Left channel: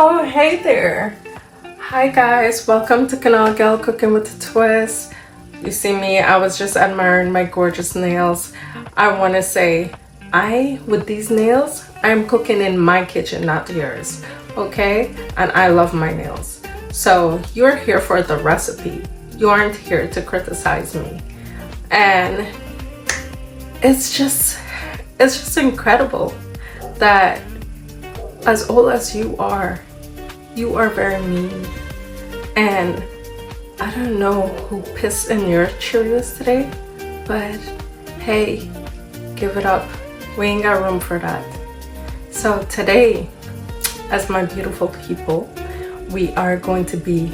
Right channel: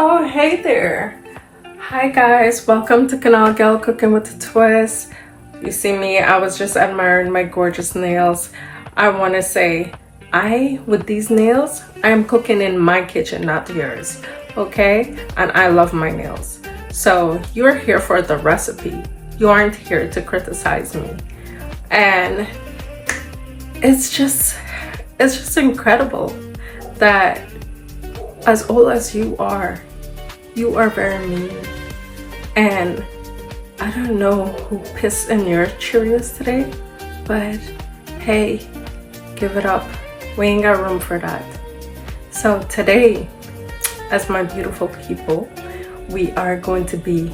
Oh, hey there. Hi guys, welcome to Canal Gal Cooking with a Twist. You see me, I was just admiring my gorgeous nails. I want to say, with these nails, I'm cooking in my kitchen, not yours, okay? And I love my nails. So you're here for the recipe. You aren't here to criticize me. And it's just incredible that as old as you are very mean. And I don't know who pissed in your Cheerios today, but hey, give it up. We ain't got room for that. So today, as my beautiful people, we are going to be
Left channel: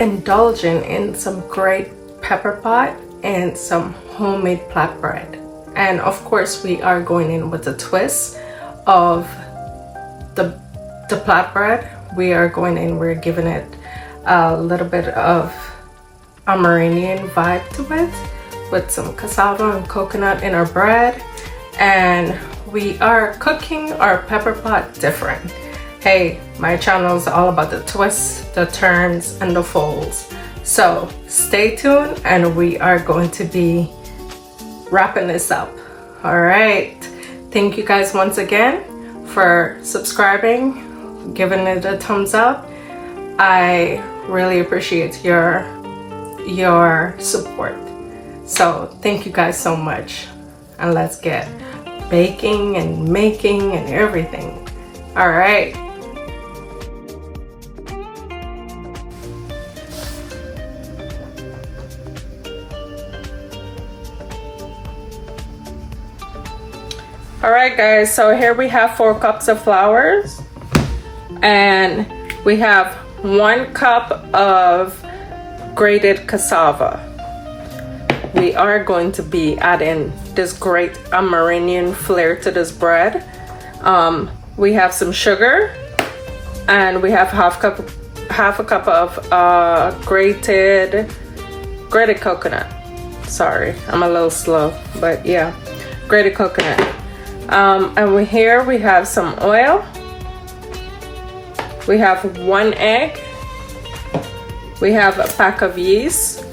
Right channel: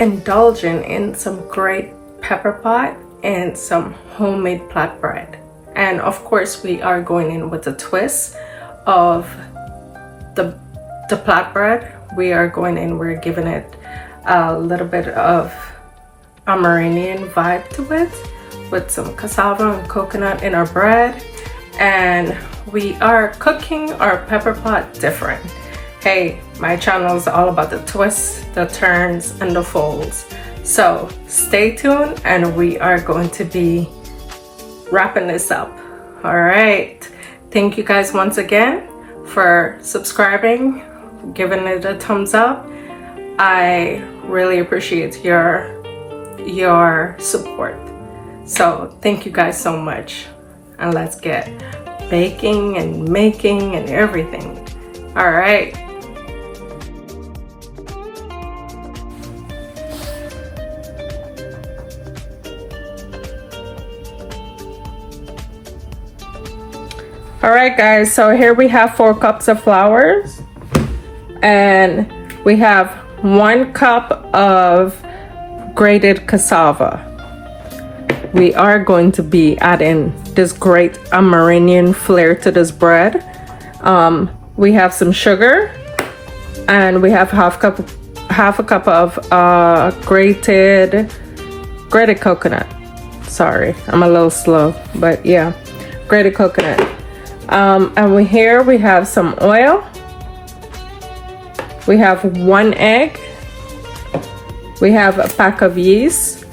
indulging in some great pepper pot and some homemade flatbread. And of course, we are going in with a twist of the flatbread. We are going in, we're giving it a little bit of Armenian vibe to it with some cassava and coconut in our bread. And we are cooking our pepper pot different. Hey, my channel is all about the twists, the turns, and the folds. So stay tuned and we are going to be wrapping this up. All right. Thank you guys once again for subscribing, giving it a thumbs up. I really appreciate your support. So thank you guys so much. And let's get baking and making and everything. All right. All right guys, so here we have 4 cups of flour and we have 1 cup of grated cassava. We are going to be adding this great Armenian flair to this bread. We have some sugar and we have half a cup of grated coconut. Sorry, I'm a little slow, but yeah, grated coconut. And here we have some oil. We have 1 egg. We have a pack of yeast.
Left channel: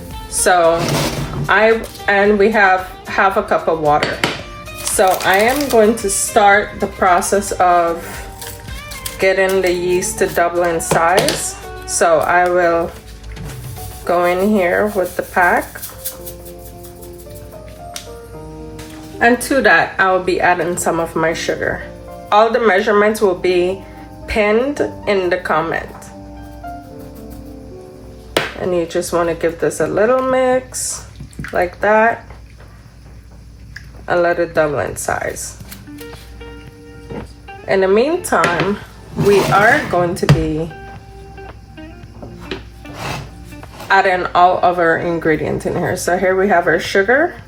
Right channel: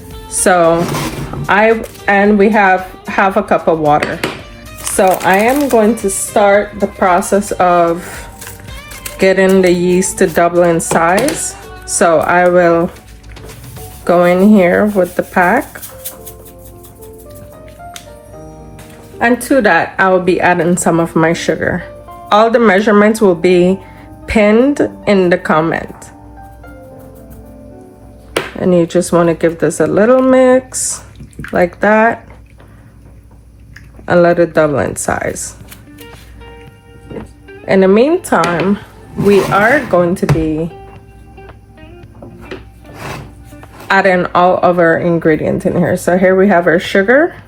And we have half a cup of water. So I am going to start the process of getting the yeast to double in size. So I will go in here with the pack. And to that, I will be adding some of my sugar. All the measurements will be pinned in the comment. And you just want to give this a little mix like that and let it double in size. In the meantime, we are going to be adding all of our ingredients in here. So here we have our sugar.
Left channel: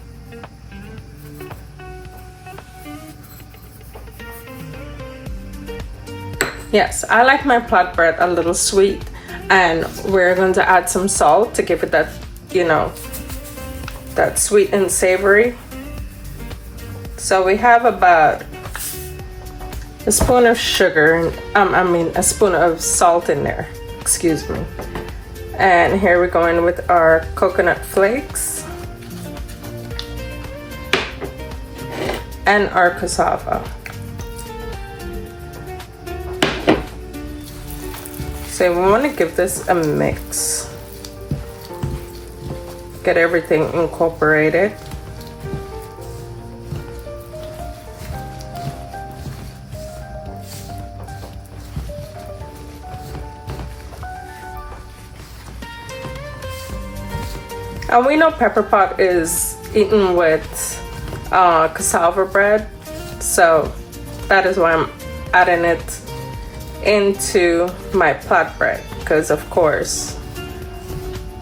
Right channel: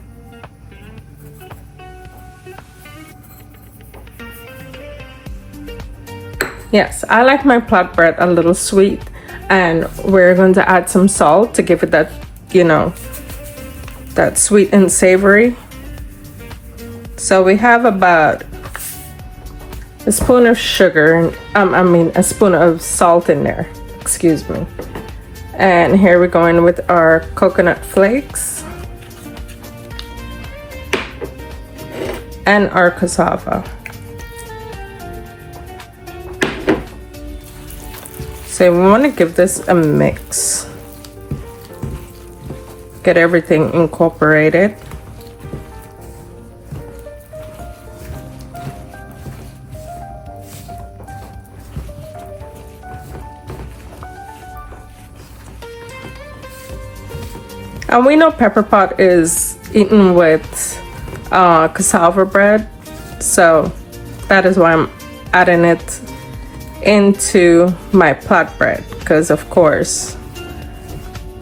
Yes, I like my flatbread a little sweet, and we're going to add some salt to give it that, you know, that sweet and savory. So we have about a spoon of sugar, and a spoon of salt in there, excuse me. And here we're going with our coconut flakes and our cassava. So we want to give this a mix. Get everything incorporated. And we know pepper pot is eaten with cassava bread. So that is why I'm adding it into my flatbread, because of course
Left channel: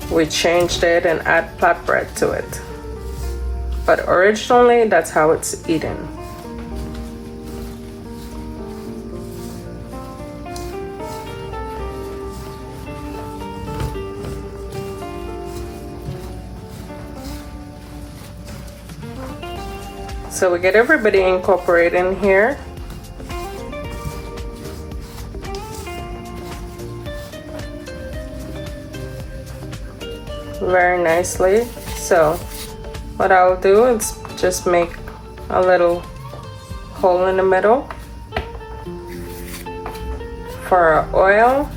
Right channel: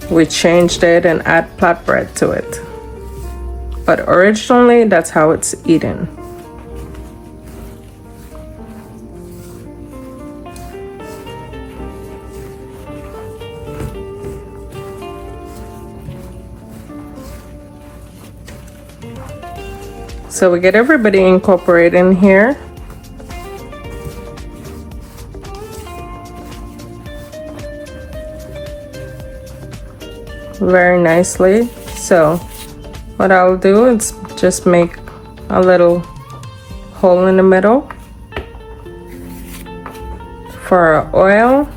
we changed it and add flatbread to it, but originally that's how it's eaten. So we get everybody incorporated in here. very nicely. So what I'll do is just make a little hole in the middle for our oil.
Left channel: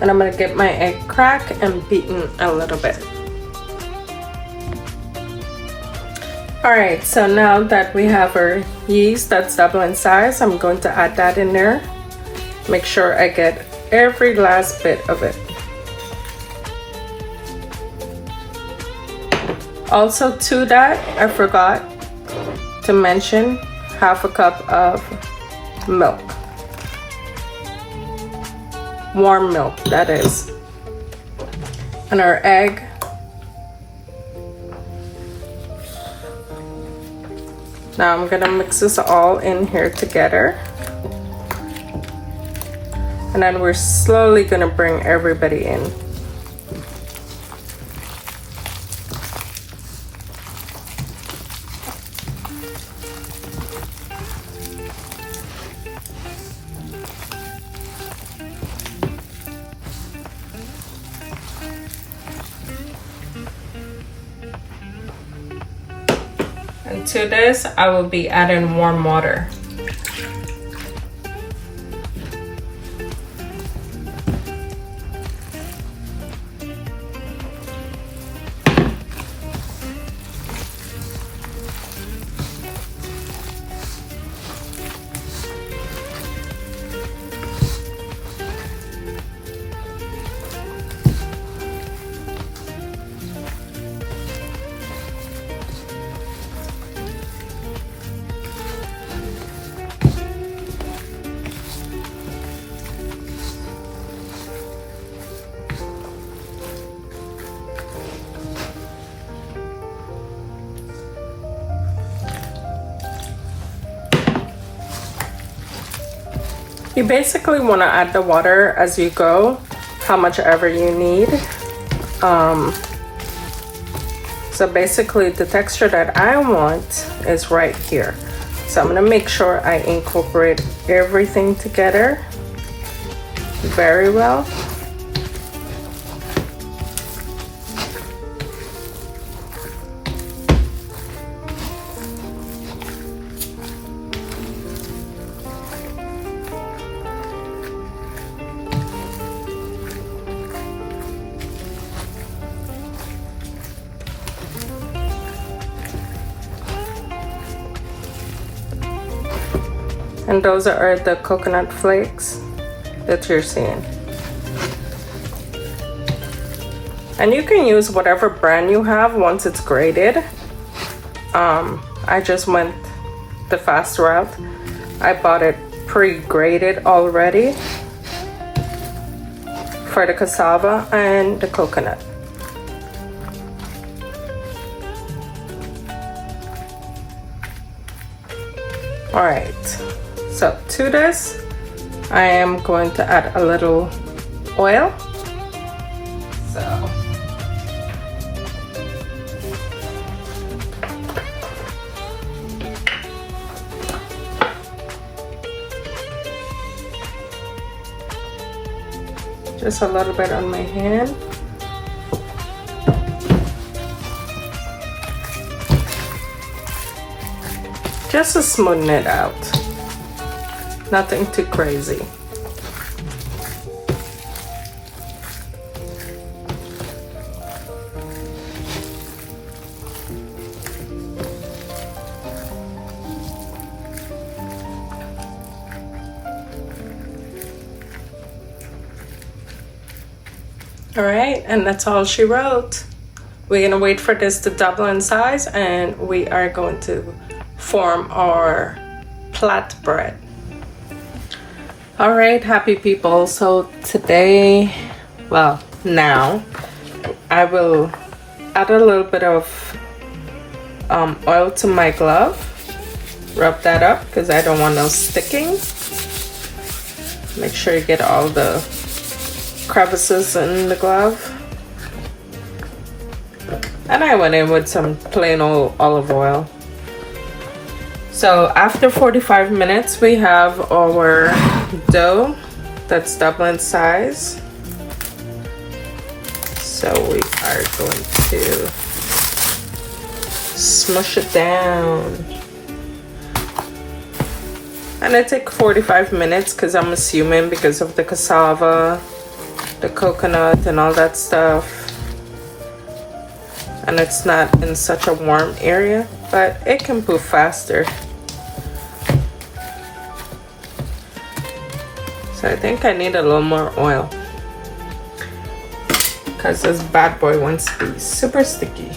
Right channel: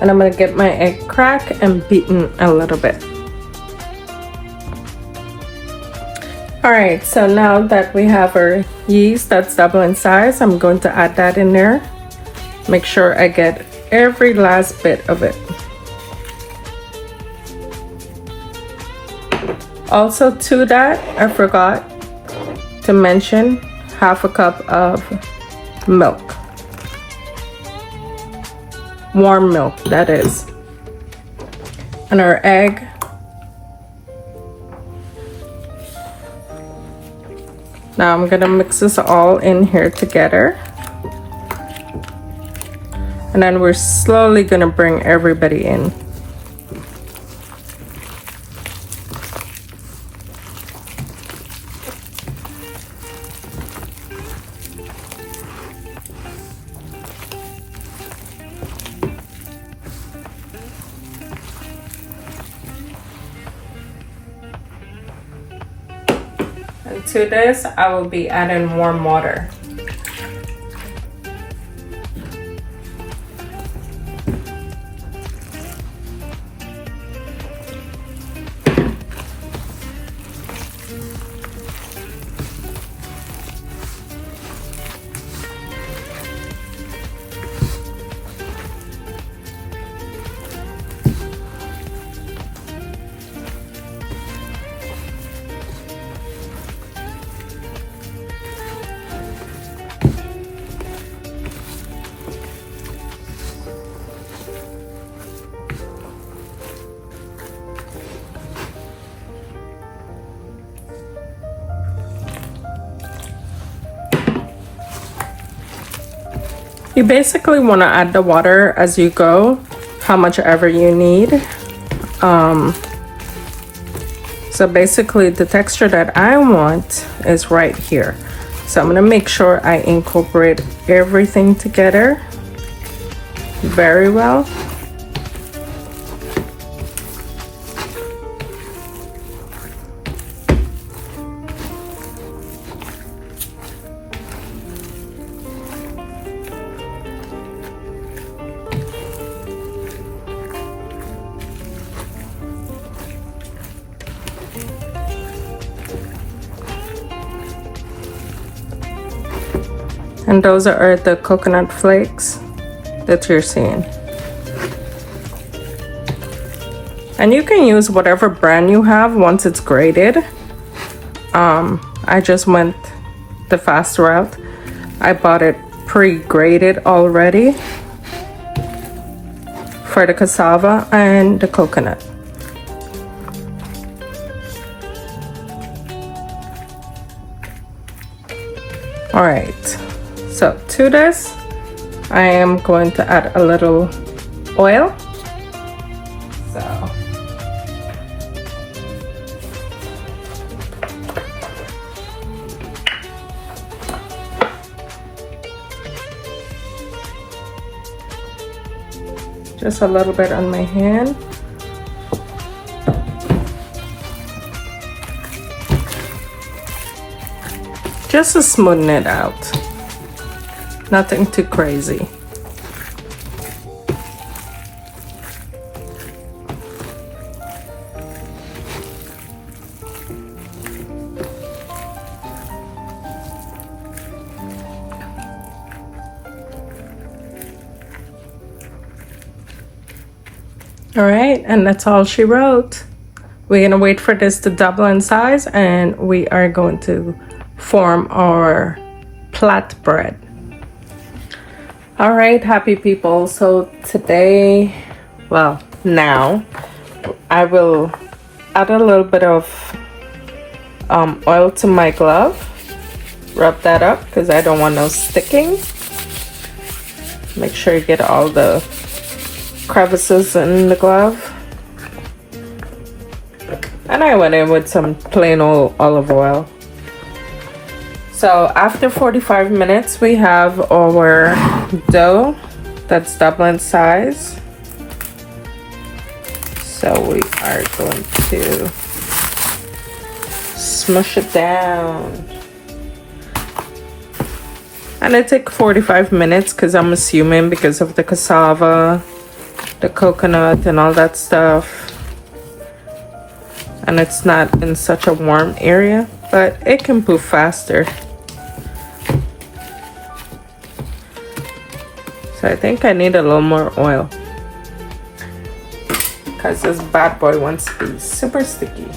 And I'm gonna get my egg cracked and beaten a little bit. All right, so now that we have our yeast that's double in size, I'm going to add that in there. Make sure I get every last bit of it. Also to that, I forgot to mention half a cup of milk. Warm milk, that is. And our egg. Now I'm gonna mix this all in here together. And then we're slowly gonna bring everybody in. And to this, I will be adding warm water. You basically want to add the water as you go, how much ever you need. So basically the texture that I want is right here. So I'm gonna make sure I incorporate everything together very well. And those are the coconut flakes that you're seeing. And you can use whatever brand you have once it's grated. I just went the fast route. I bought it pre-grated already for the cassava and the coconut. All right. So to this, I am going to add a little oil. So just a little bit on my hand. Just to smoothen it out. Nothing too crazy. All right, and that's all she wrote. We're gonna wait for this to double in size and we are going to form our plat bread. All right, happy people. So today, well, now I will add a little bit of oil to my glove. Rub that up because I don't want no sticking. Make sure you get all the crevices in the glove. And I went in with some plain old olive oil. So after 45 minutes, we have our dough that's double in size. So we are going to smush it down. And it takes 45 minutes because I'm assuming because of the cassava, the coconut and all that stuff. And it's not in such a warm area, but it can poof faster. So I think I need a little more oil because this bad boy wants to be super sticky.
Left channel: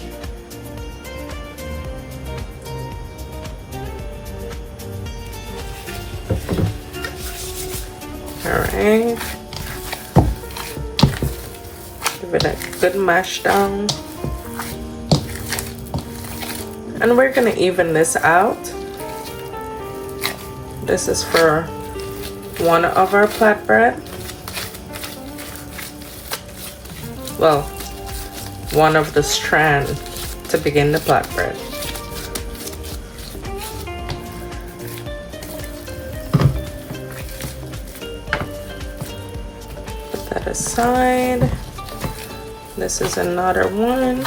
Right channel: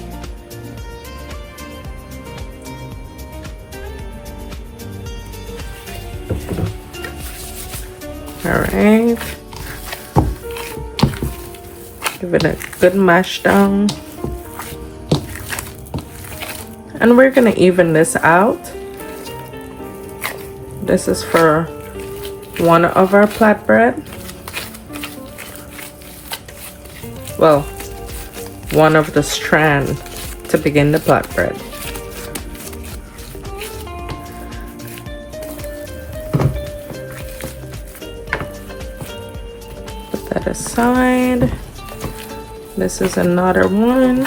All right, give it a good mash down. And we're gonna even this out. This is for one of our flatbread. Well, one of the strand to begin the flatbread. Put that aside. This is another one.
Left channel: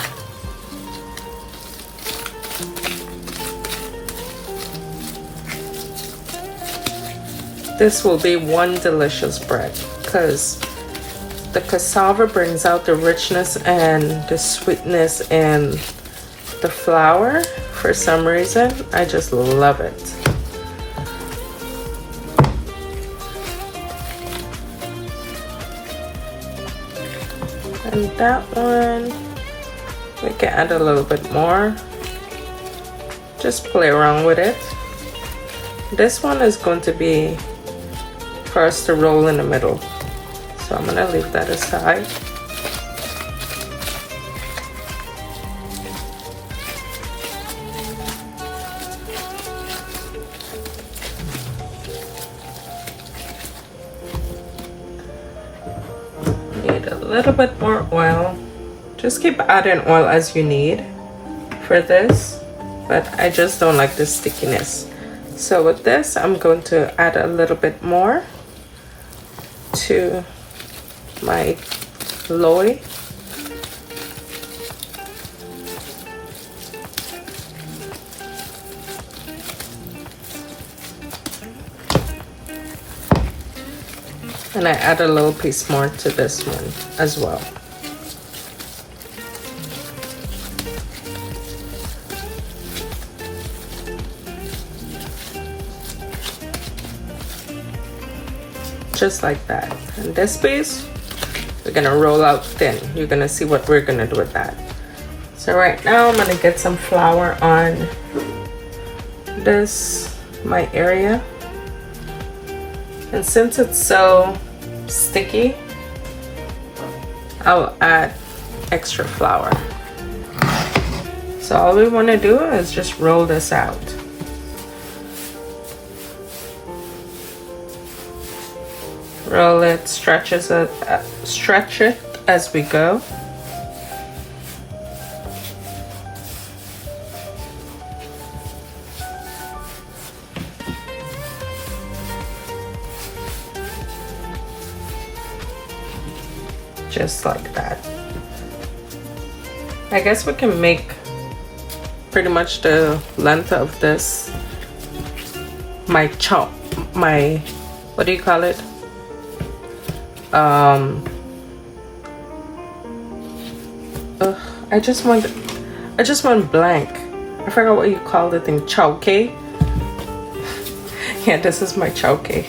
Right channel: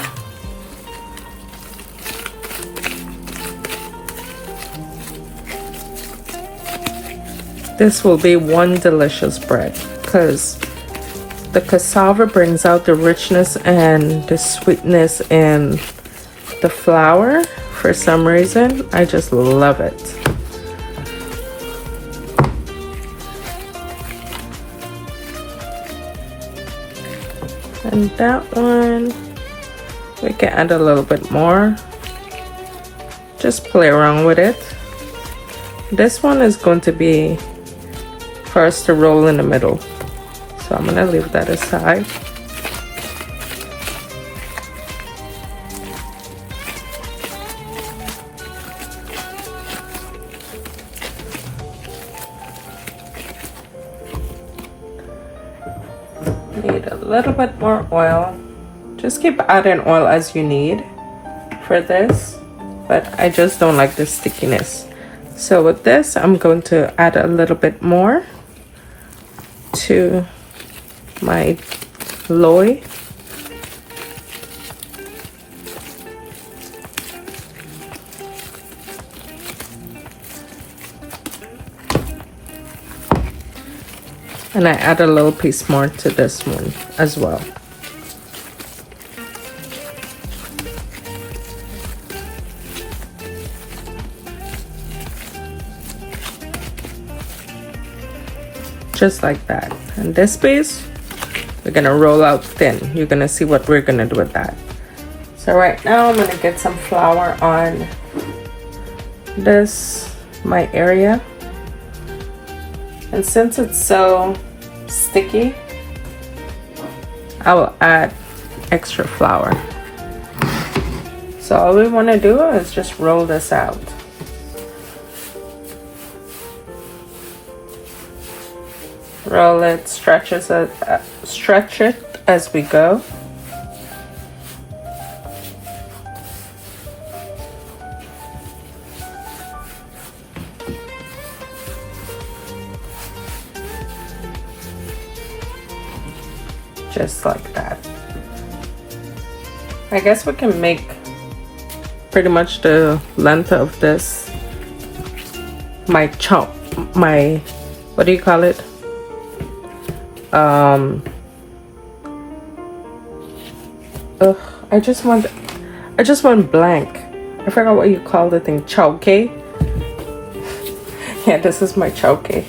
This will be one delicious bread because the cassava brings out the richness and the sweetness in the flour. For some reason, I just love it. And that one, we can add a little bit more. Just play around with it. This one is going to be for us to roll in the middle. So I'm gonna leave that aside. Need a little bit more oil. Just keep adding oil as you need for this, but I just don't like the stickiness. So with this, I'm going to add a little bit more to my loy. And I add a little piece more to this one as well. Just like that. And this piece, we're gonna roll out thin. You're gonna see what we're gonna do with that. So right now I'm gonna get some flour on this, my area. And since it's so sticky, I will add extra flour. So all we wanna do is just roll this out. Roll it, stretch it as we go. Just like that. I guess we can make pretty much the length of this, my chop, my, what do you call it? I just want blank. I forgot what you call the thing. Chowke. Yeah, this is my chowke.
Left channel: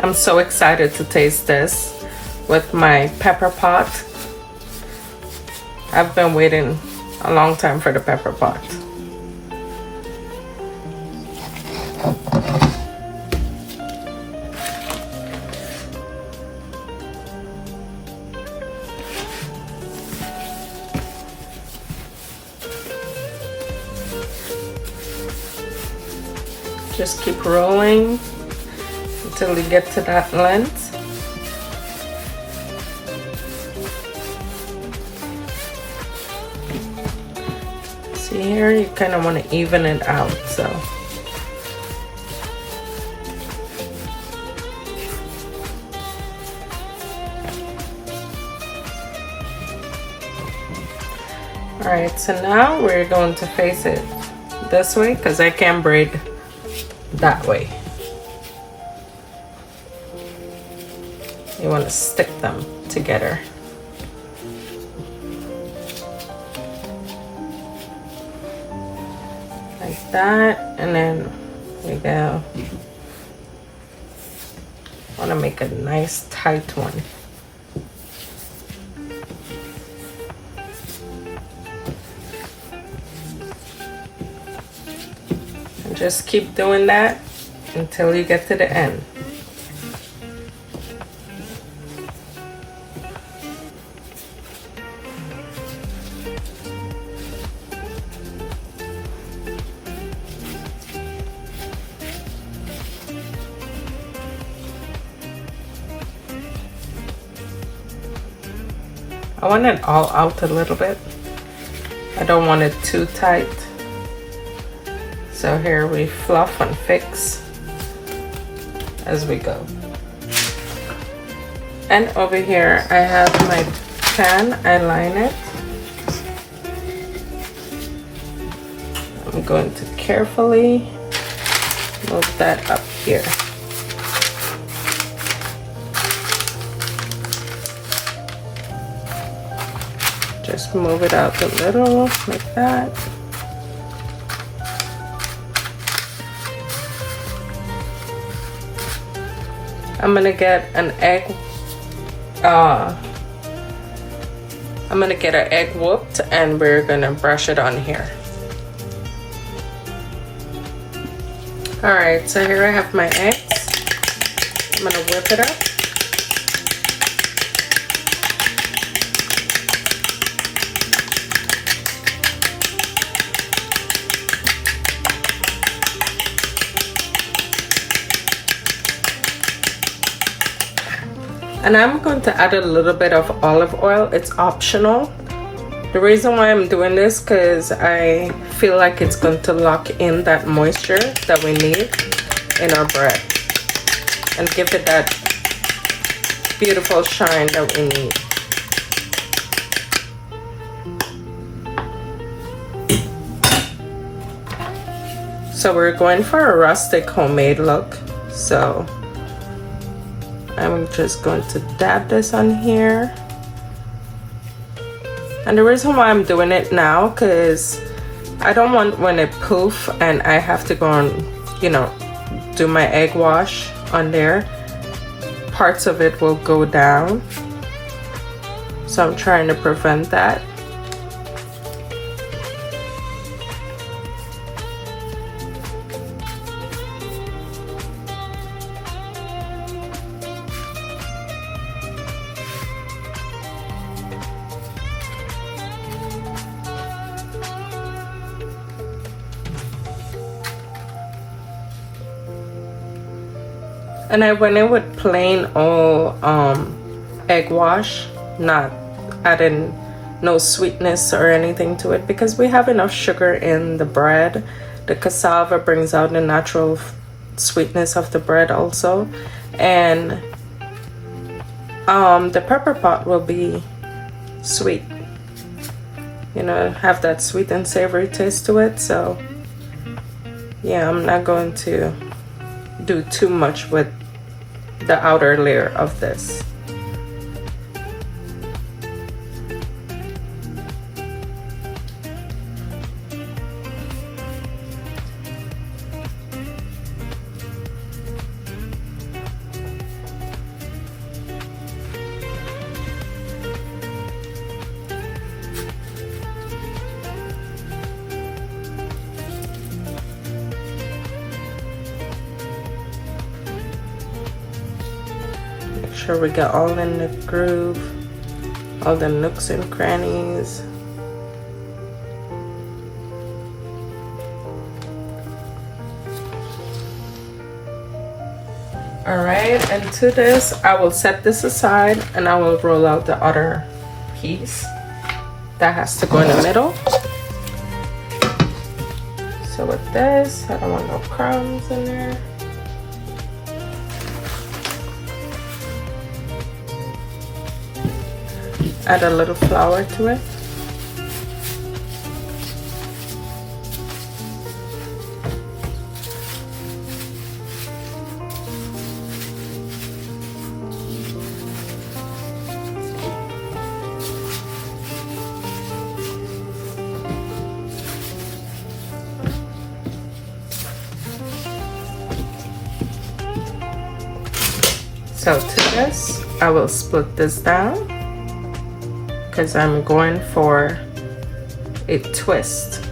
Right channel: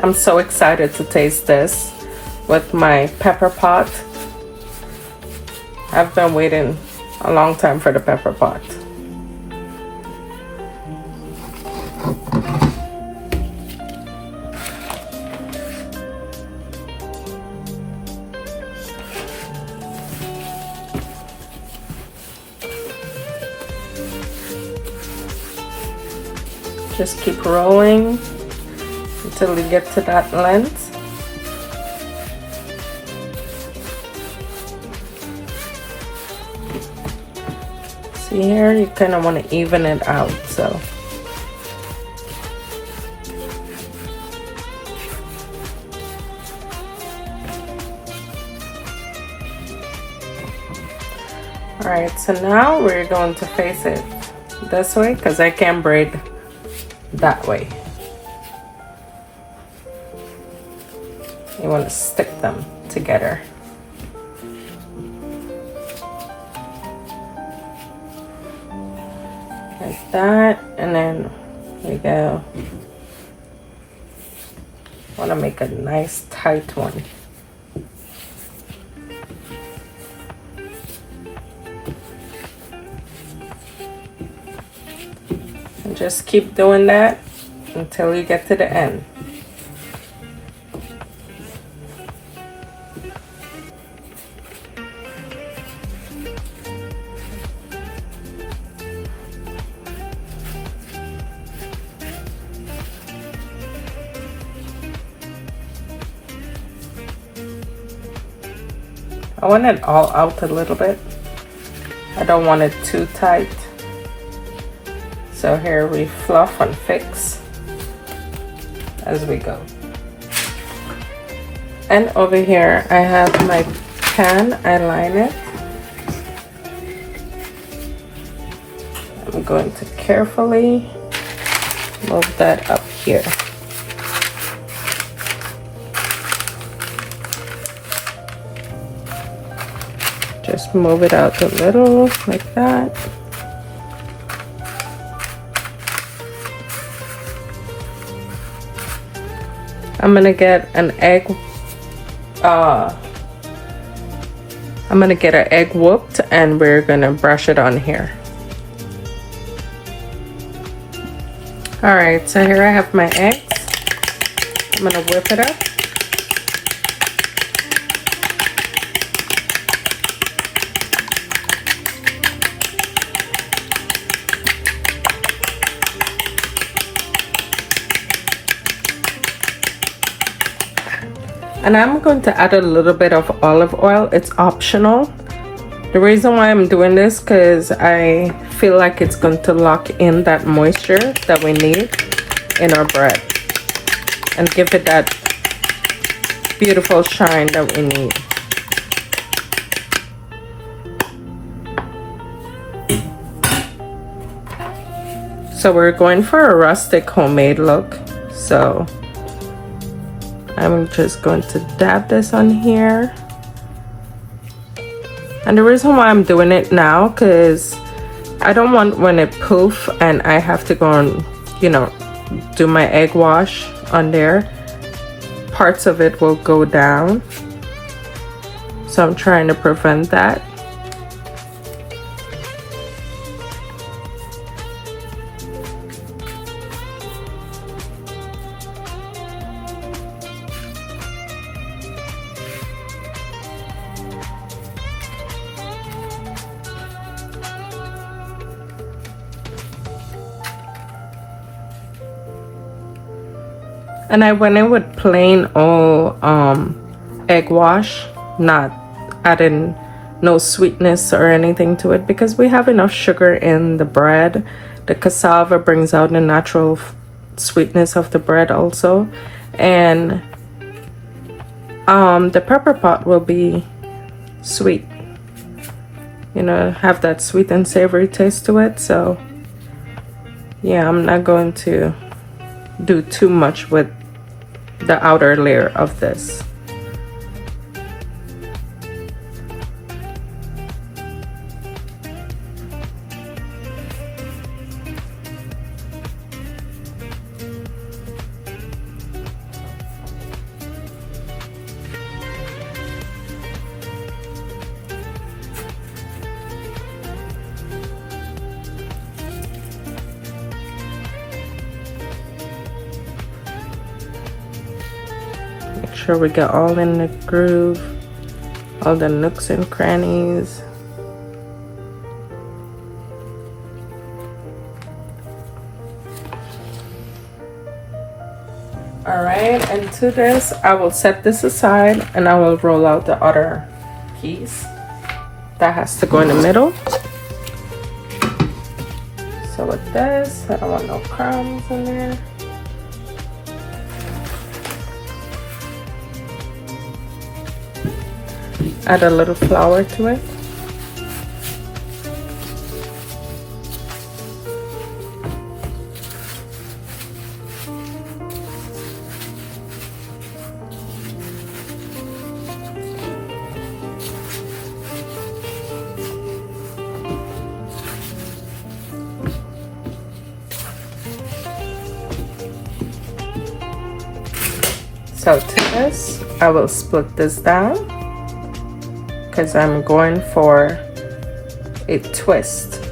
I'm so excited to taste this with my pepper pot. I've been waiting a long time for the pepper pot. Just keep rolling until you get to that length. See here, you kind of want to even it out, so. Alright, so now we're going to face it this way because I can't braid that way. You want to stick them together. Like that, and then here we go. Want to make a nice tight one. And just keep doing that until you get to the end. I want it all out a little bit. I don't want it too tight. So here we fluff and fix as we go. And over here I have my pan, I line it. I'm going to carefully move that up here. Just move it out a little, like that. I'm gonna get an egg, I'm gonna get an egg whooped and we're gonna brush it on here. Alright, so here I have my eggs. I'm gonna whip it up. And I'm going to add a little bit of olive oil. It's optional. The reason why I'm doing this because I feel like it's going to lock in that moisture that we need in our bread and give it that beautiful shine that we need. So we're going for a rustic homemade look. So I'm just going to dab this on here. And the reason why I'm doing it now, because I don't want when it poof and I have to go and, you know, do my egg wash on there, parts of it will go down. So I'm trying to prevent that. And I went in with plain old egg wash, not adding no sweetness or anything to it because we have enough sugar in the bread. The cassava brings out the natural sweetness of the bread also. And the pepper pot will be sweet. You know, have that sweet and savory taste to it. So yeah, I'm not going to do too much with the outer layer of this. Sure we get all in the groove, all the nooks and crannies. All right, and to this, I will set this aside and I will roll out the other piece that has to go in the middle. So with this, I don't want no crumbs in there. Add a little flour to it. So to this, I will split this down because I'm going for a twist.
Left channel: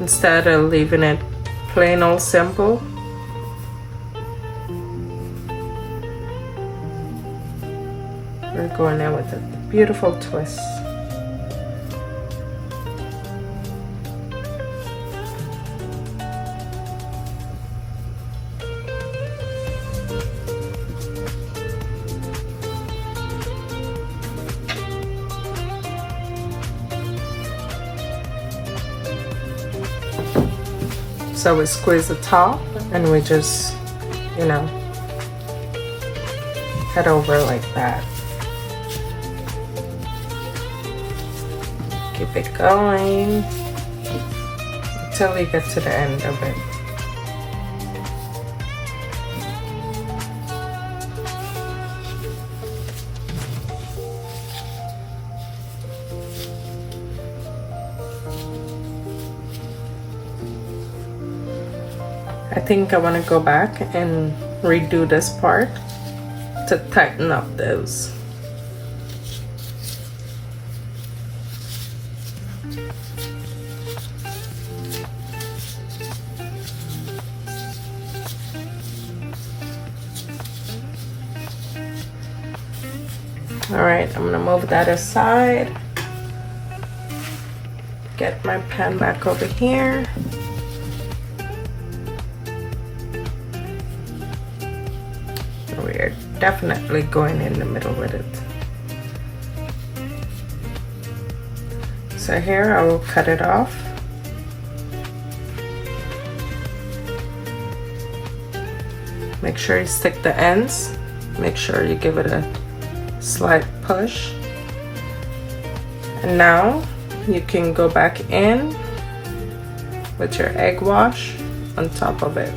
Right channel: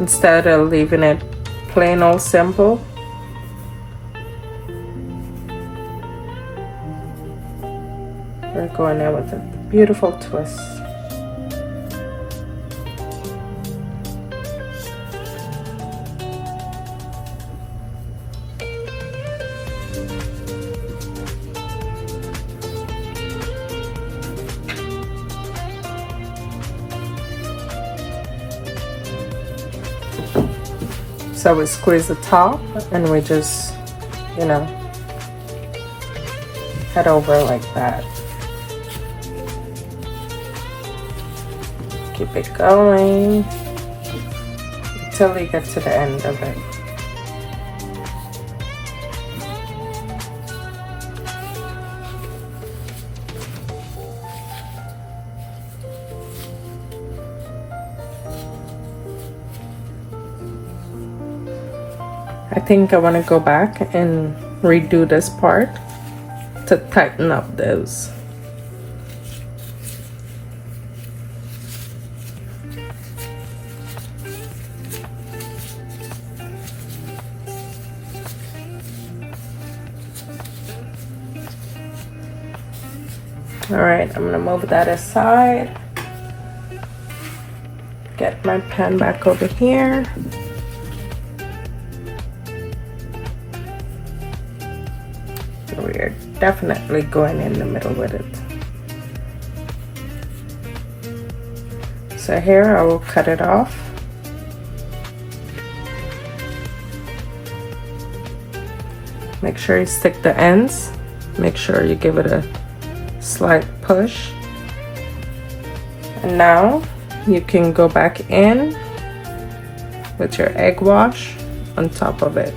Instead of leaving it plain old simple, we're going in with a beautiful twist. So we squeeze the top and we just, you know, head over like that. Keep it going until we get to the end of it. I think I want to go back and redo this part to tighten up those. All right, I'm gonna move that aside. Get my pan back over here. We're definitely going in the middle with it. So here I will cut it off. Make sure you stick the ends. Make sure you give it a slight push. And now you can go back in with your egg wash on top of it.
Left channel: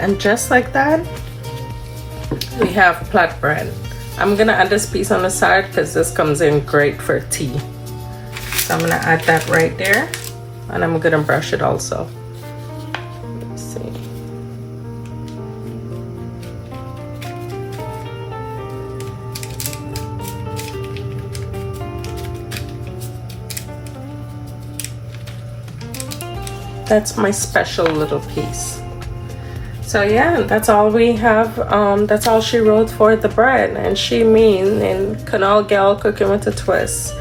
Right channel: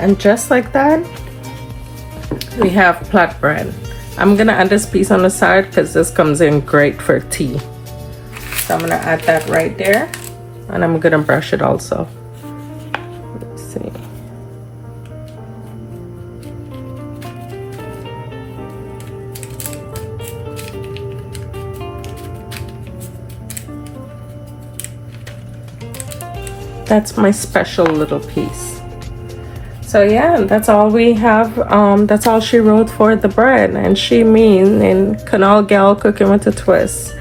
And just like that, we have plat bread. I'm gonna add this piece on the side because this comes in great for tea. So I'm gonna add that right there, and I'm gonna brush it also. Let's see. That's my special little piece. So yeah, that's all we have. That's all she wrote for the bread, and she mean in Canal Gal Cooking with a Twist.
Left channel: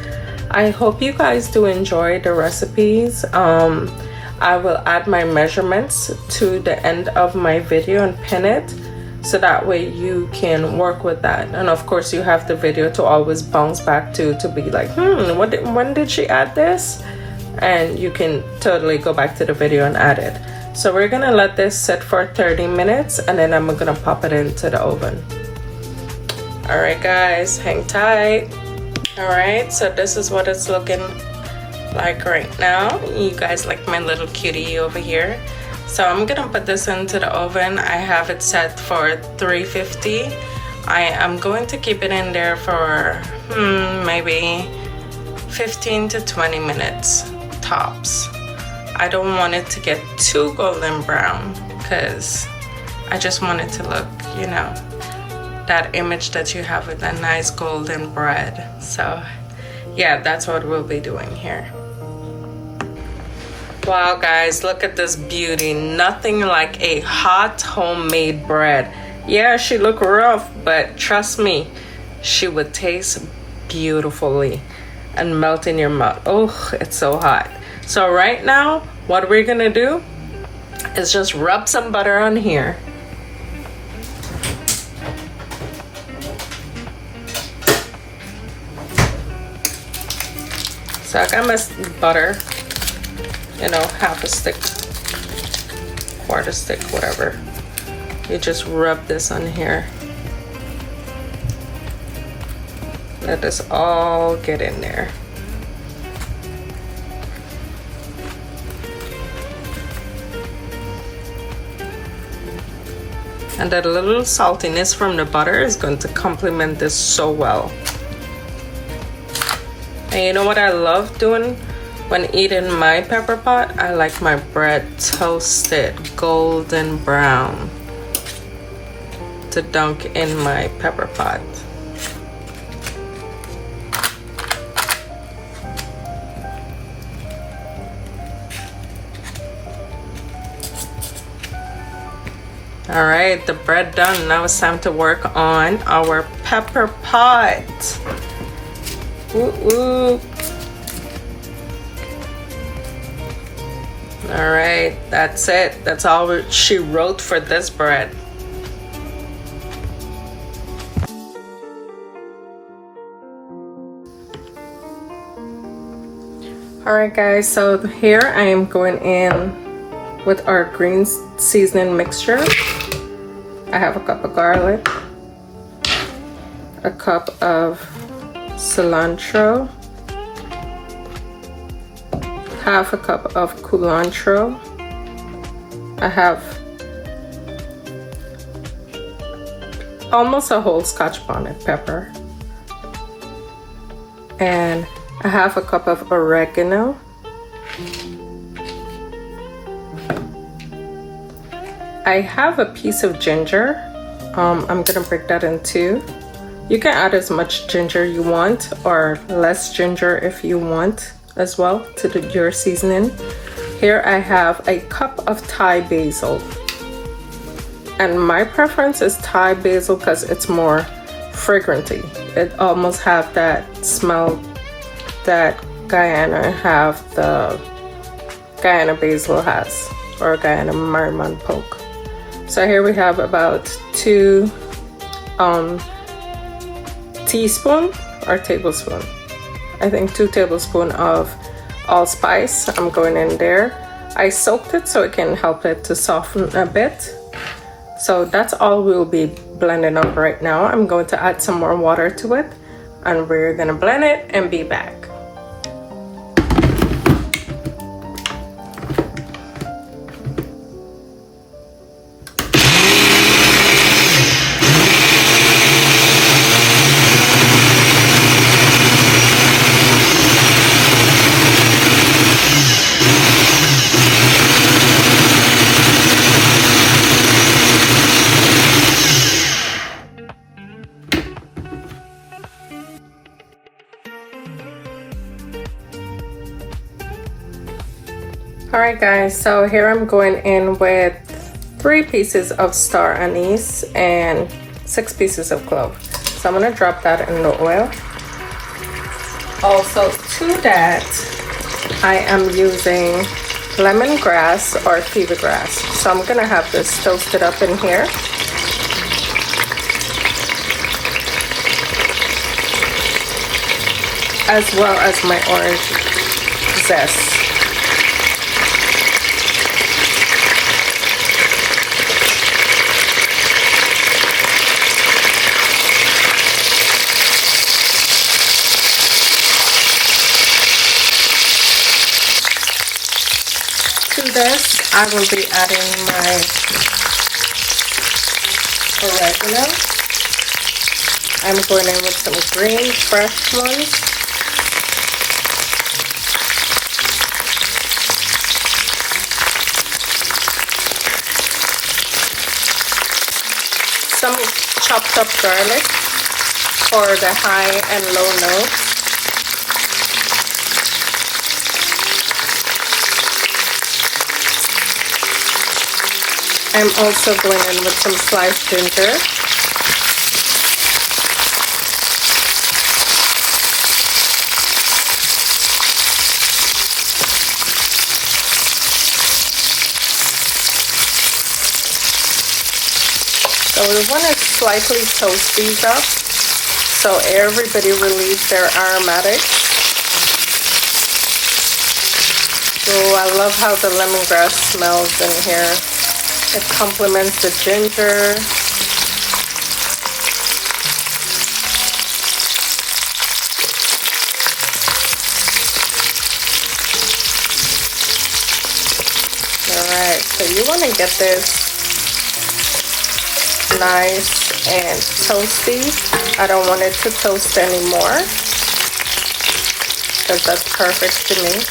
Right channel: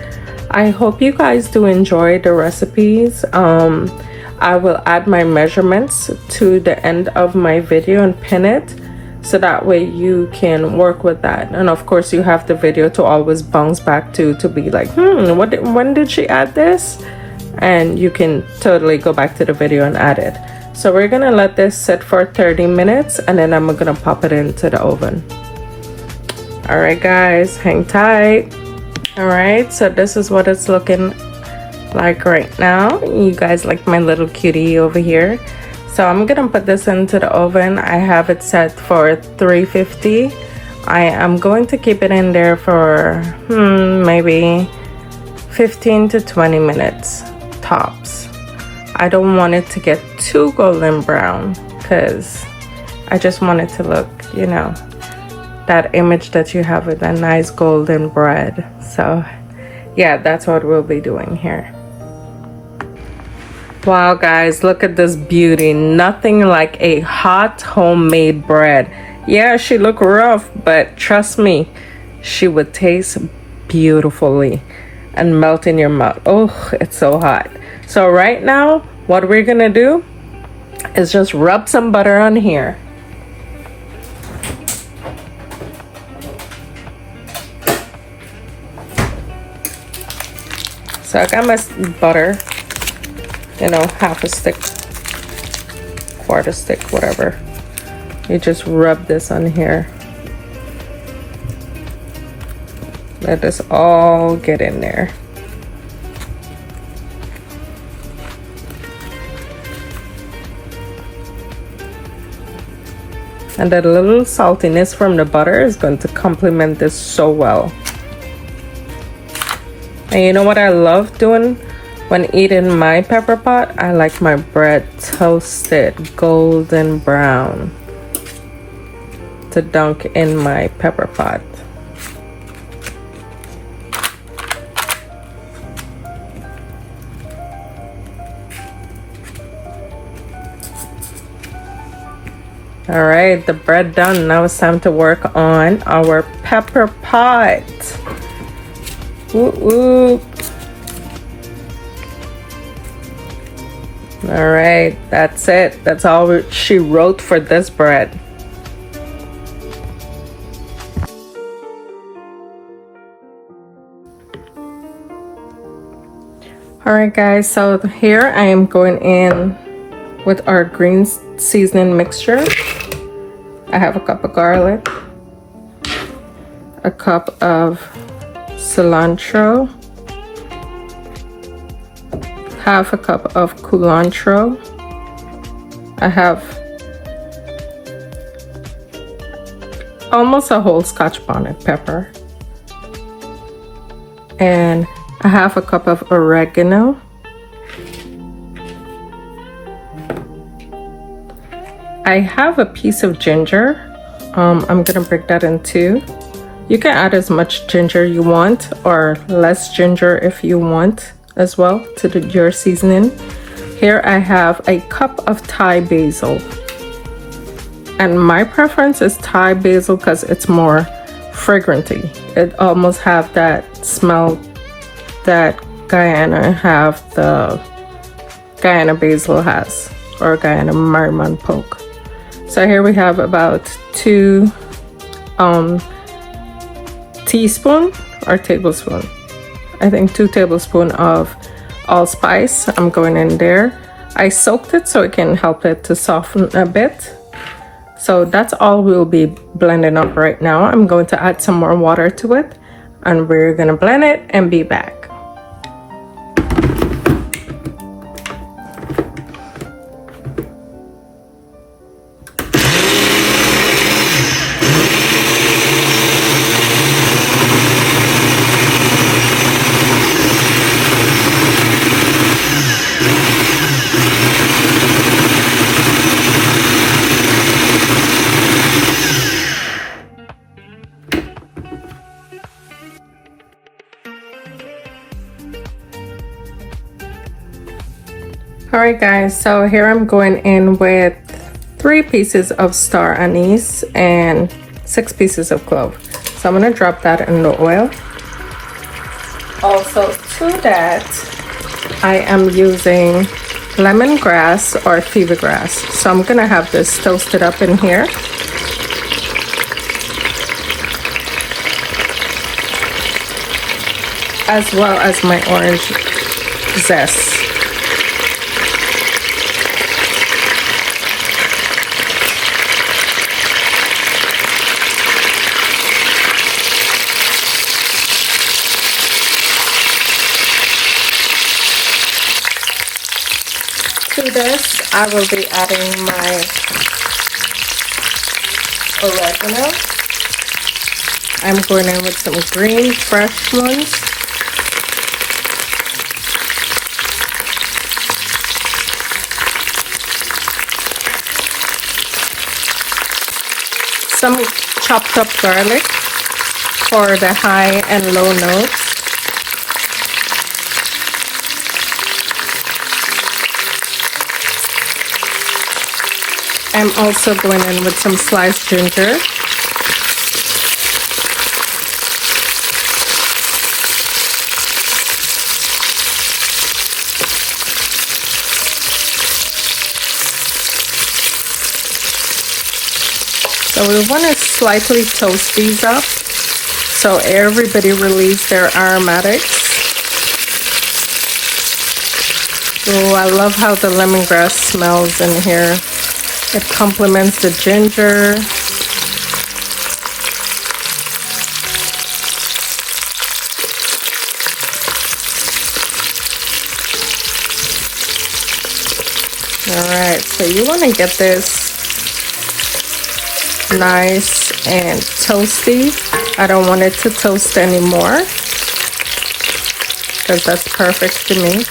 I hope you guys do enjoy the recipes. I will add my measurements to the end of my video and pin it, so that way you can work with that. And of course you have the video to always bounce back to be like, when did she add this? And you can totally go back to the video and add it. So we're gonna let this sit for 30 minutes and then I'm gonna pop it into the oven. All right guys, hang tight. All right, so this is what it's looking like right now. You guys like my little cutie over here. So I'm gonna put this into the oven. I have it set for 350. I am going to keep it in there for maybe 15 to 20 minutes tops. I don't want it to get too golden brown because I just want it to look, you know, that image that you have with that nice golden bread. So yeah, that's what we'll be doing here. Wow guys, look at this beauty. Nothing like a hot homemade bread. Yeah, she looked rough, but trust me, she would taste beautifully and melt in your mouth. Oh, it's so hot. So right now, what we're gonna do is just rub some butter on here. So I got my butter, you know, half a stick, quarter stick, whatever. You just rub this on here. Let this all get in there. And that little saltiness from the butter is going to complement this so well. And you know what I love doing when eating my pepper pot? I like my bread toasted golden brown to dunk in my pepper pot. All right, the bread done. Now it's time to work on our pepper pot. Ooh, ooh. All right, that's it. That's all she wrote for this bread. All right, guys, so here I am going in with our green seasoning mixture. I have a cup of garlic, a cup of cilantro, half a cup of culantro. I have almost a whole Scotch bonnet pepper, and a half a cup of oregano. I have a piece of ginger. I'm gonna break that in two. You can add as much ginger you want or less ginger if you want as well to your seasoning. Here I have a cup of Thai basil. And my preference is Thai basil because it's more fragranty. It almost have that smell that Guyana basil has, or Guyana Merriman poke. So here we have about 2 teaspoon or tablespoon. I think 2 tablespoons of allspice. I'm going in there. I soaked it so it can help it to soften a bit. So that's all we'll be blending up right now. I'm going to add some more water to it, and we're gonna blend it and be back. Alright guys, so here I'm going in with 3 pieces of star anise and 6 pieces of clove. So I'm going to drop that in the oil. Also to that, I am using lemongrass or fever grass. So I'm going to have this toasted up in here. As well as my orange zest. To this, I will be adding my oregano. I'm going in with some green fresh ones. Some chopped up garlic for the high and low notes. I'm also going in with some sliced ginger. So we want to slightly toast these up so everybody release their aromatics. Oh, I love how the lemongrass smells in here. It complements the ginger. Alright, so you want to get this nice and toasty. I don't want it to toast anymore because that's perfect to me.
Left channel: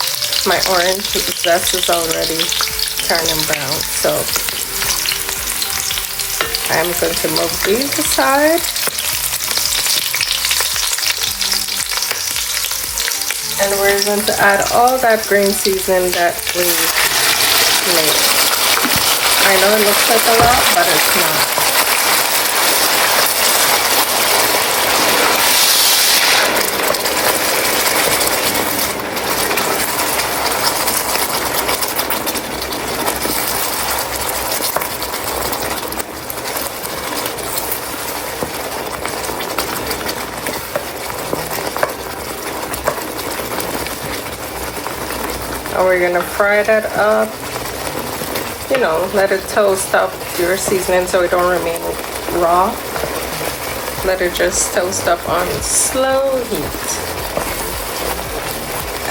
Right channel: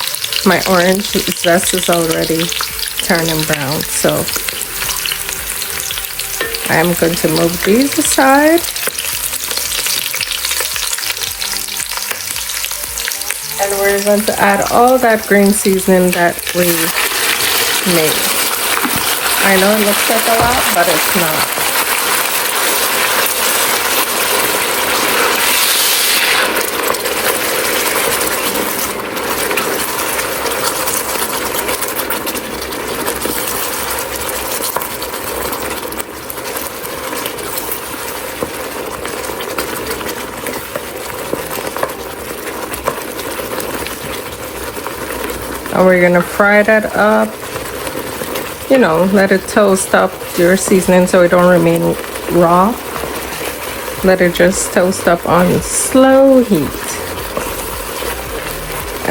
My orange zest is already turning brown, so I'm going to move these aside. And we're going to add all that green seasoning that we made. I know it looks like a lot, but it's not. And we're gonna fry that up, you know, let it toast up your seasoning so it don't remain raw. Let it just toast up on slow heat.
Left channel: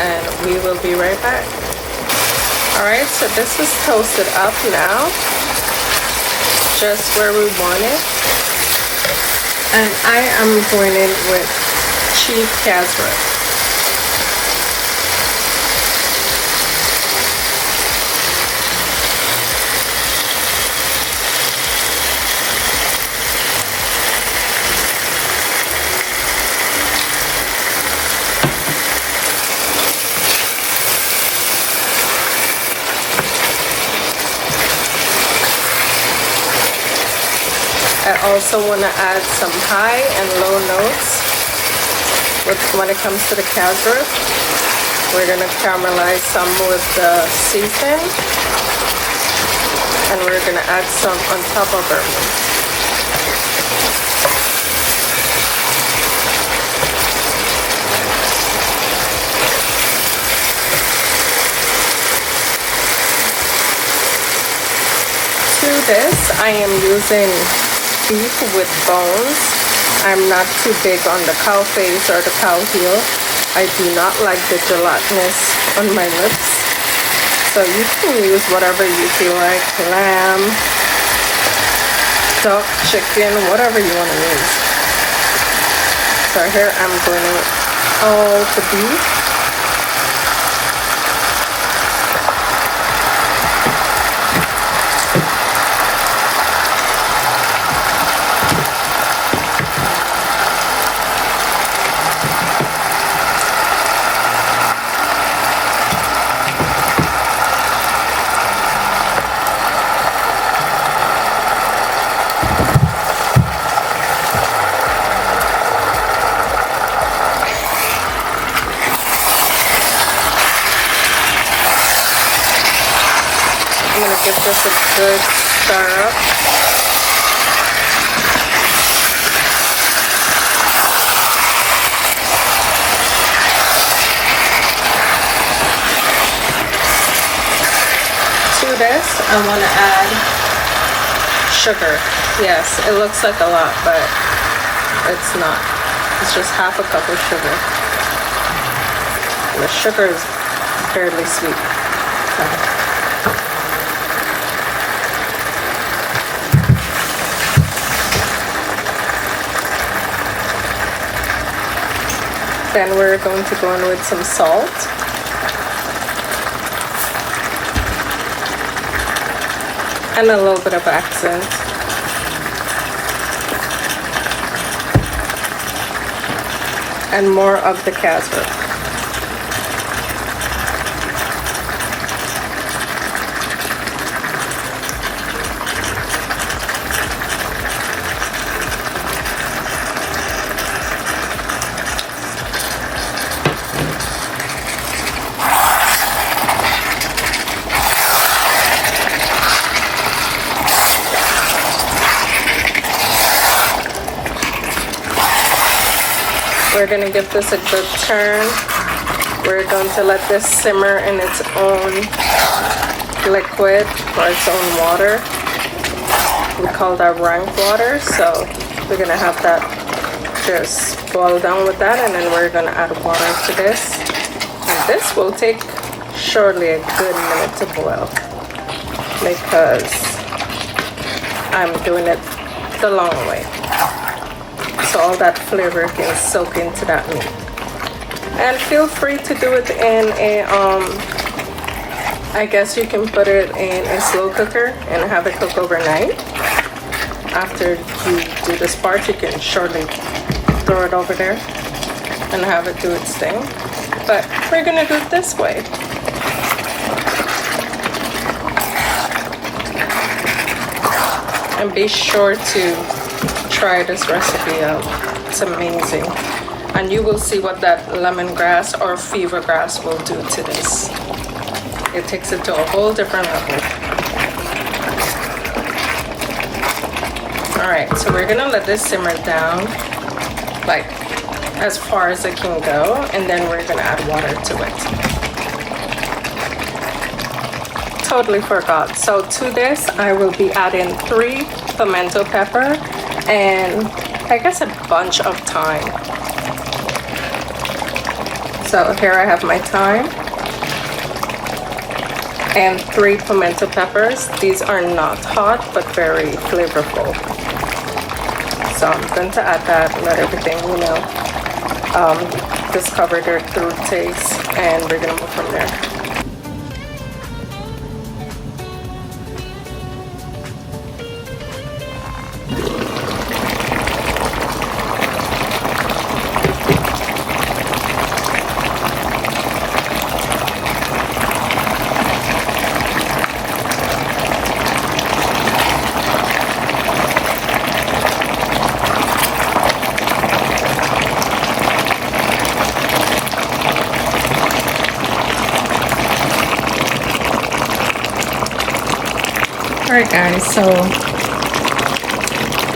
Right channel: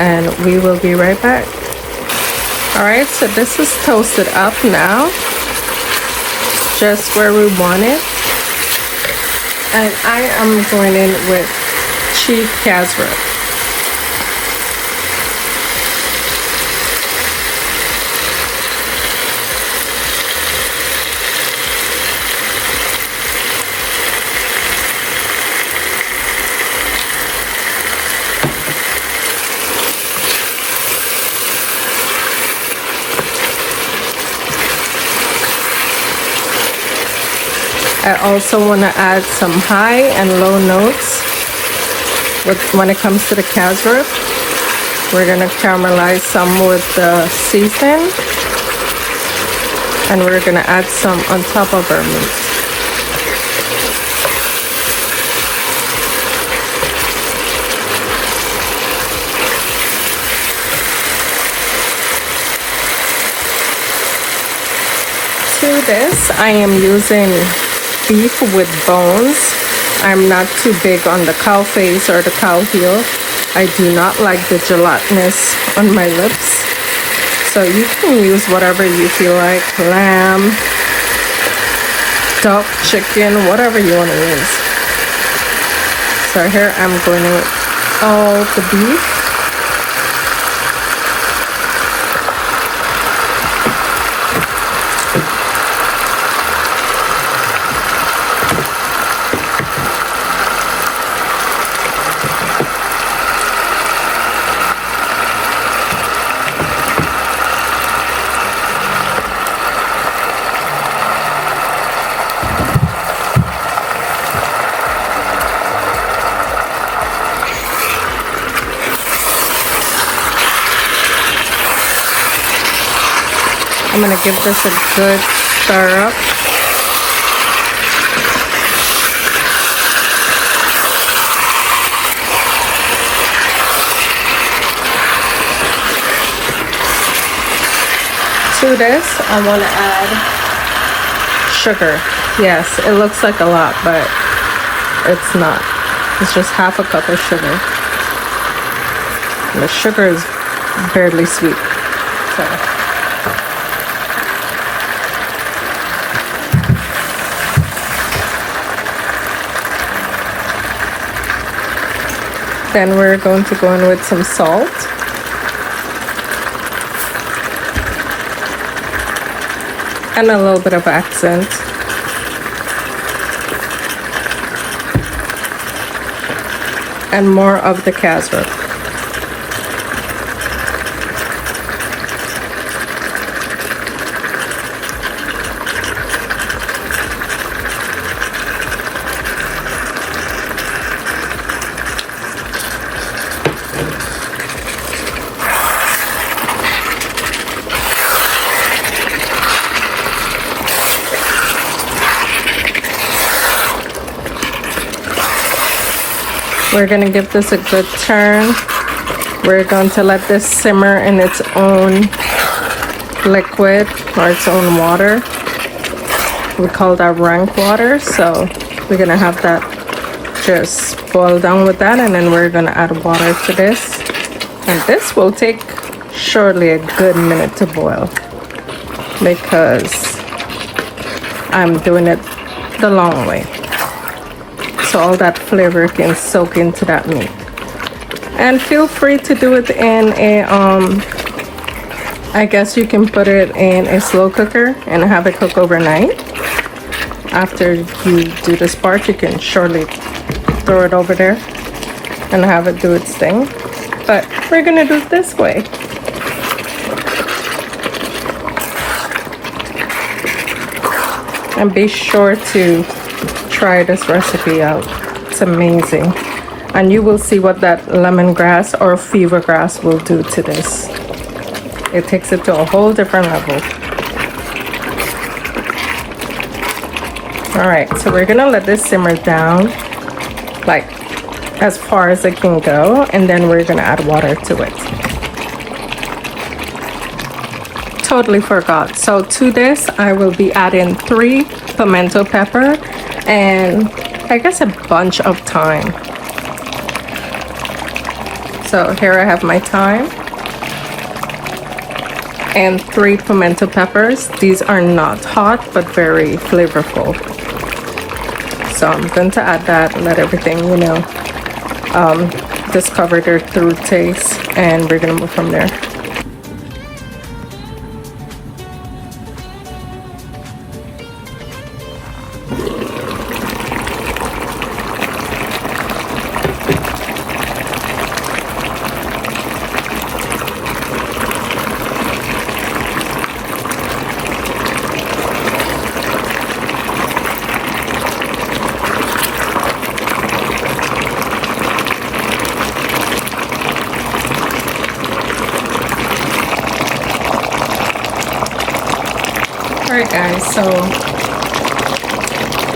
And we will be right back. Alright, so this is toasted up now, just where we want it. And I am going in with cheap casserole. I also want to add some high and low notes when it comes to the casserole. We're going to caramelize some with the seasoning, and we're going to add some on top of it. To this, I am using beef with bones. I'm not too big on the cow face or the cow heel. I do not like the gelatinous on my lips. So you can use whatever you feel like. Lamb, duck, chicken, whatever you want to use. So here I'm doing all the beef. I'm going to give this a good stir up. To this, I want to add sugar. Yes, it looks like a lot, but it's not. It's just half a cup of sugar. The sugar is barely sweet. So. Then we're going to go on with some salt. And a little bit of accent. and more of the cashew. We're gonna give this a good turn. We're going to let this simmer in its own liquid or its own water. We call that rank water, so we're gonna have that just boil down with that, and then we're gonna add water to this. And this will take surely a good minute to boil because I'm doing it the long way, so all that flavor can soak into that meat. And feel free to do it in a I guess you can put it in a slow cooker and have it cook overnight. After you do this part, you can surely throw it over there and have it do its thing. But we're gonna do it this way. And be sure to try this recipe out. It's amazing. And you will see what that lemongrass or fever grass will do to this. It takes it to a whole different level. All right, so we're gonna let this simmer down like as far as it can go, and then we're gonna add water to it. Totally forgot. So to this, I will be adding 3 pimento pepper and I guess a bunch of thyme. So here I have my thyme and 3 pimento peppers. These are not hot, but very flavorful. So I'm going to add that and let everything, discover their true taste, and we're going to go from there. Alright guys, so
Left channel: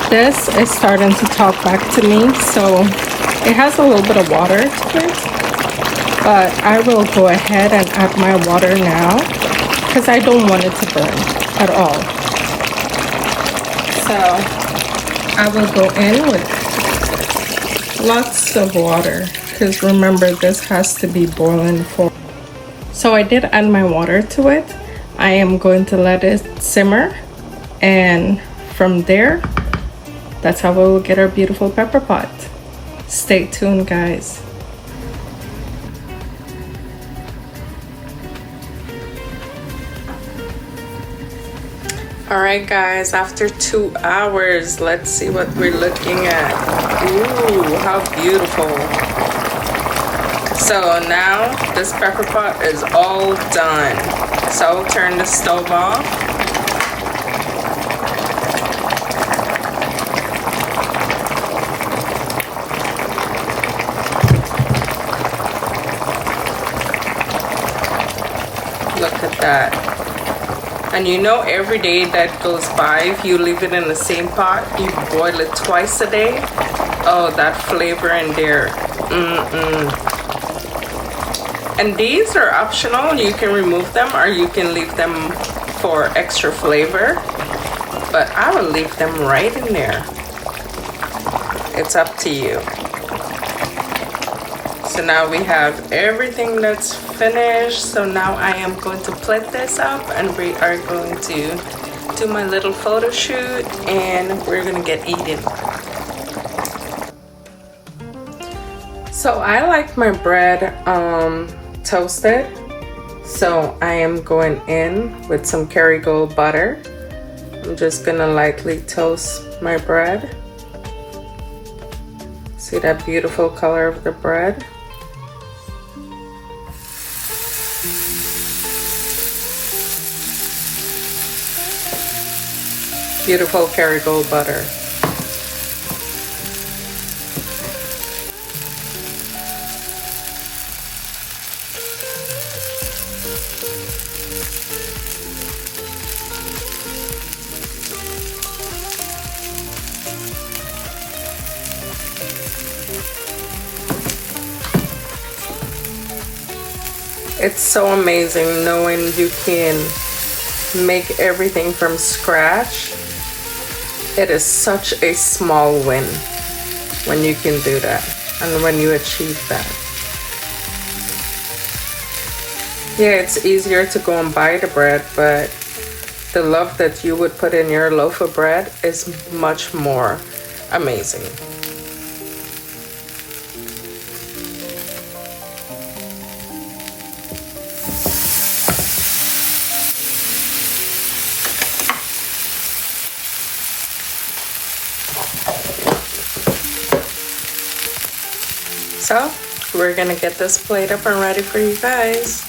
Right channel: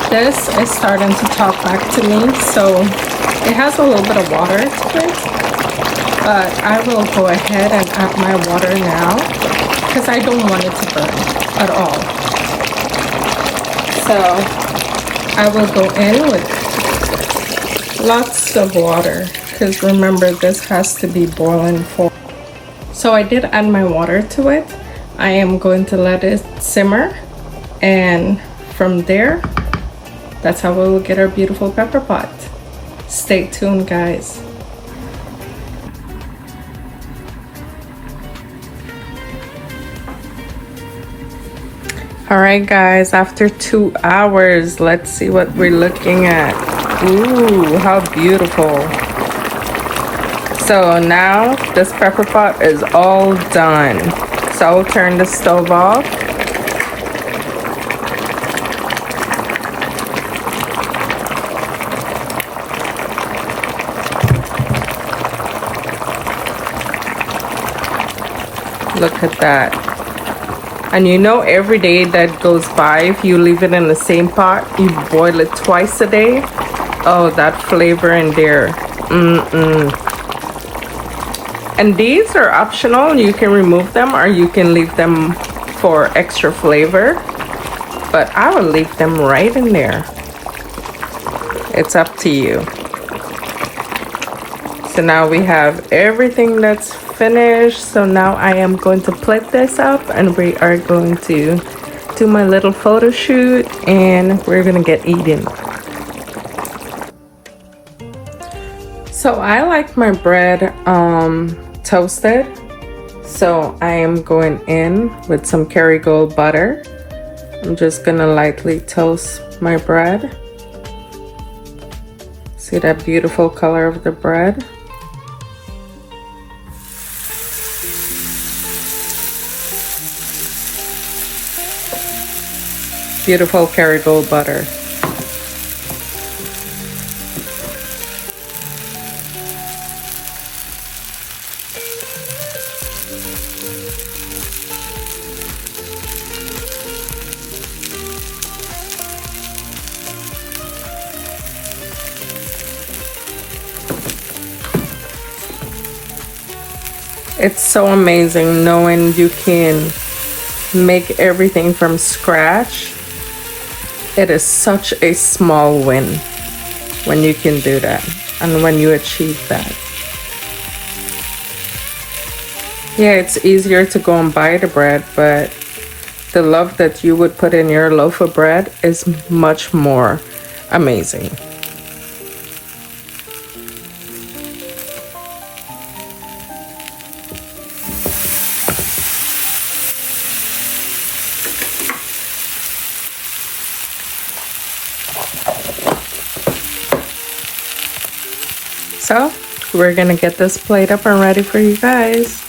this is starting to talk back to me, so it has a little bit of water to it, but I will go ahead and add my water now because I don't want it to burn at all. So I will go in with lots of water because remember, this has to be boiling for. So I did add my water to it. I am going to let it simmer, and from there, that's how we will get our beautiful pepper pot. Stay tuned, guys. Alright guys, after 2 hours, let's see what we're looking at. Ooh, how beautiful. So now this pepper pot is all done. So I'll turn the stove off. Look at that. And every day that goes by, if you leave it in the same pot, you boil it twice a day. Oh, that flavor in there. And these are optional. You can remove them or you can leave them for extra flavor. But I will leave them right in there. It's up to you. So now we have everything that's finished. So now I am going to plate this up and we are going to do my little photo shoot and we're gonna get eating. So I like my bread toasted, so I am going in with some Kerrygold butter. I'm just gonna lightly toast my bread. See that beautiful color of the bread? Beautiful Kerrygold butter. It's so amazing knowing you can make everything from scratch. It is such a small win when you can do that and when you achieve that. Yeah, it's easier to go and buy the bread, but the love that you would put in your loaf of bread is much more amazing. So we're gonna get this plate up and ready for you guys.